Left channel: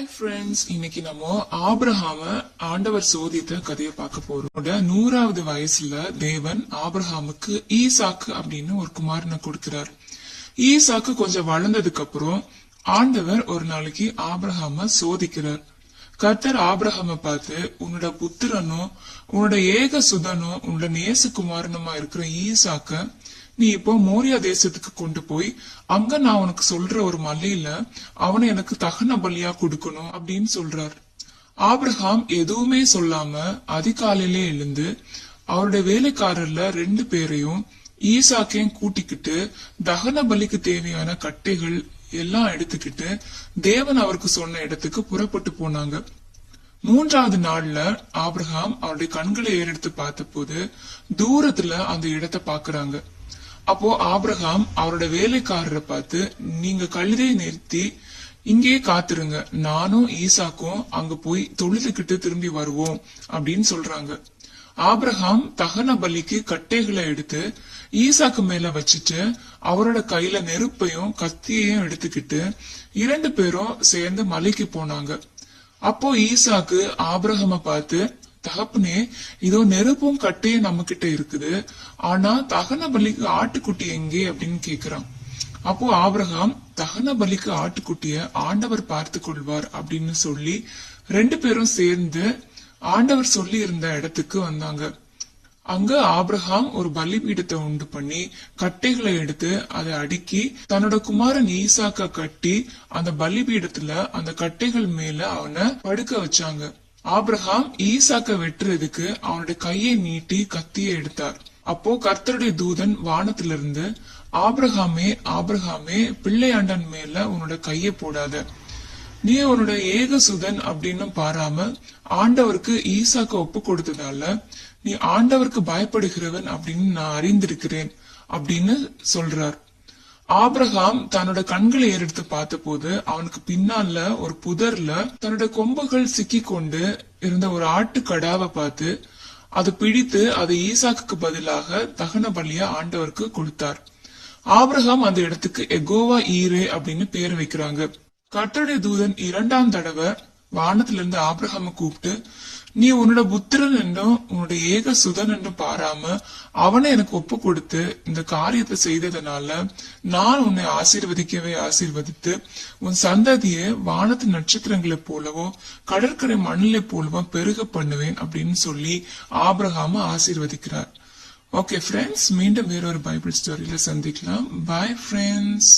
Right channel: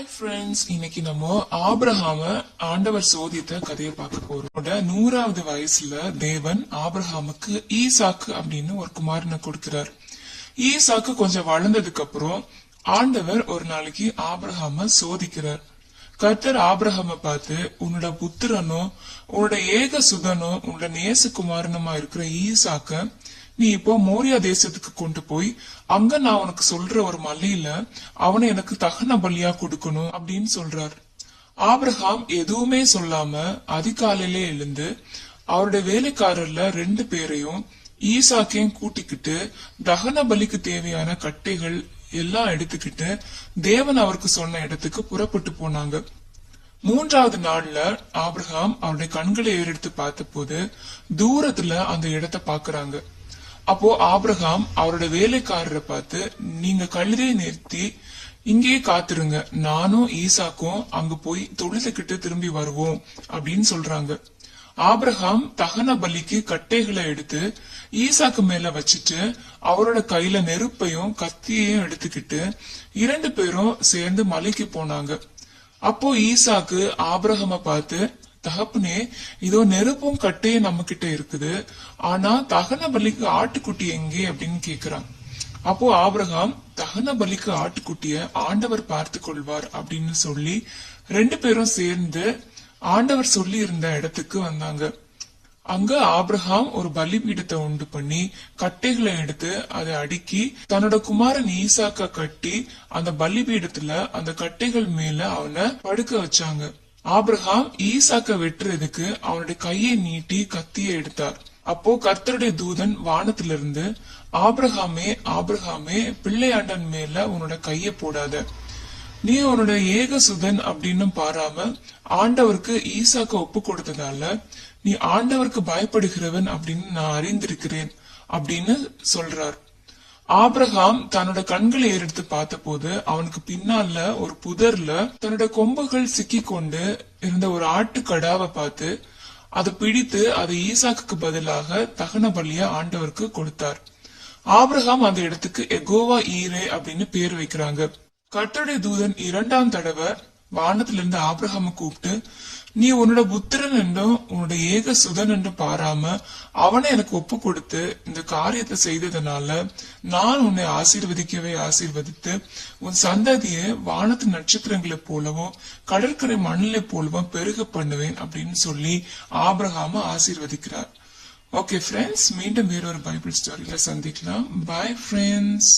Hi friends இன்னைக்கு நம்ம ஆபிரஹாம ஆண்டவர் சோதித்த கதையை பார்க்க போறோம். நூறாவது வயசுல தேவன் ஆபிரஹாமுக்கு ஈசாக்கு அப்படின்னு ஒரு குமாரனை கொடுக்கிறார். ஈசாக்கு கொஞ்சம் வளர்ந்ததுக்கு அப்புறம் ஆண்டவர் ஒரு நாளைக்கு ஆபிரஹாம சோதிக்கிறார். கர்த்தர் ஆபிரஹாம பார்த்து உன்னோட புத்திரனும் உன்னோட ஏக சுதனும் உன்னோட நேசகுமாரனுமா இருக்கிற ஈசாக்க நீ இப்போ மோரியா தேசத்துக்கு கொண்டு போய் அங்க நான் உனக்கு சொல்ற ஒரு மலையில அவனை எனக்கு தகன பலியா கொடுக்கணும் அப்படின்னு சொல்றார். ஆபிரகாம் எதுவுமே சொல்லாம அதிகாலையிலே எழுந்து அவருடைய வேலைக்காரர்ல ரெண்டு பேரையும் ஈசாக்கையும் கூட்டிக்கிட்டு தகன பலிக்கு தேவையான கட்டைகள் எல்லாம் எடுத்துக்கிட்டு தேவன் அவருக்கு சொன்ன இடத்துக்கு புறப்பட்டு போனாங்க. மூன்றாவது நாள்ல ஆபிரகாம் அவருடைய கண்களை ஏறெடுத்து பார்த்தபோது தூரத்துல அந்த இடத்தை பாக்குறாங்க அப்போ ஆப்ரஹாம் அவரோட வேலைக்காரரை பார்த்து நீங்க கழுதையை நிறுத்தி இங்கேயே காத்திருங்க. நானும் ஈசாக்கும் அங்க போய் தொழுதுகிட்டு திரும்பி வருவோம் அப்படின்னு சொல்றாங்க. ஆப்ரஹாம் தகன பலிக்கு கட்டைகளை எடுத்து ஈசாக்கு மேல வச்சுட்டு அவரோட கையில நெருப்பையும் கத்தியையும் எடுத்துக்கிட்டு இரண்டு பேரும் சேர்ந்து மலைக்கு போனாங்க. அப்போ ஈசாக்கு ஆப்ரஹாம பார்த்து தகப்பனே இதோ நெருப்பும் கட்டையே நம்ம கிட்ட இருக்குது. ஆனா தகன பலிக்கு ஆட்டுக்குட்டி எங்கே அப்படின்னு கேக்குறான். அப்போ ஆபிரகாம் தகன பலிக்கு ஆட்டுக்குட்டிய ஆண்டவர் பார்த்து கொள்வார் அப்படின்னு சொல்லி ரெண்டு பேரும் சேர்ந்து ஆண்டவர் சொல்லி இருந்த இடத்துக்கு வந்தாங்க. அங்க ஆபிரகாம் ஒரு பலிபீடத்தை உண்டு பண்ணி கட்டைகளை எடுத்து அதை அடுக்கி தன்னோட குமாரன் ஈசாக்க கட்டி அந்த பலிபீடத்துல அந்த கட்டைகள் மேல அவனை படுக்க வச்சாங்க. ஆபிரகாம் ஈசாக்க வெட்டுறதுக்கு அவனுடைய கையை நீட்டி கத்தியை எடுத்தார். அப்போ கர்த்தருடைய தூதன் வானத்திலிருந்து ஆபிரகாமே ஆபிரகாமே பிள்ளையாண்டன் மேல உன்னோட கையை போடாத. நீ உன்னோட ஏகசுதன் அப்படின்னு பாராம ஆண்டவருக்கு ஈசாக்க ஒப்பு கொடுத்ததால நீ ஆண்டவருக்கு பயப்படுகிறவன் அப்படின்னு நான் அறிந்திருக்கிறேன் அப்படின்னு சொல்றார். ஆபிரகாம் தன்னோட கண்களை ஏறெடுத்து பார்த்த போது அவனுக்கு பின்னால ஒரு புதர்ல தன்னோட கொம்புகள் சிக்கி கொண்டு இருந்த ஒரு ஆட்டு கடாவை பார்த்து அதை பிடித்து அதை ஈசாக்கு பதிலாக தகன பலியா ஆண்டவருக்கு கொடுத்தார். ஆபிரகாம் அந்த இடத்துக்கு எகோவா ஈரே அப்படின்னு பேர் வைக்கிறாங்க. கட்டடை தூதன் இரண்டாம் தடவை வானத்துல இருந்து ஆபிரகாம கூப்பிட்டு நீ உன்னோட புத்திரன் என்றும் உன்னோட ஏக சுதன் என்றும் பாராம அவனை எனக்கு ஒப்பு கொடுத்து இந்த காரியத்தை செய்ததுனால நான் உன்னை ஆசீர்வதிக்கவே ஆசீர்வதித்து உன் சந்ததியை வானத்து நட்சத்திரங்களை போலவும் கடற்கரை மணலை போலவும் பெருக பண்ணுவேன் அப்படின்னு சொல்லி ஆபிரகாம ஆசீர்வதிக்கிறார். ஓகே ஃப்ரெண்ட்ஸ் மீண்டும் வேறொரு பைபிள் ஸ்டோரியில சந்திக்கலாம். Bye friends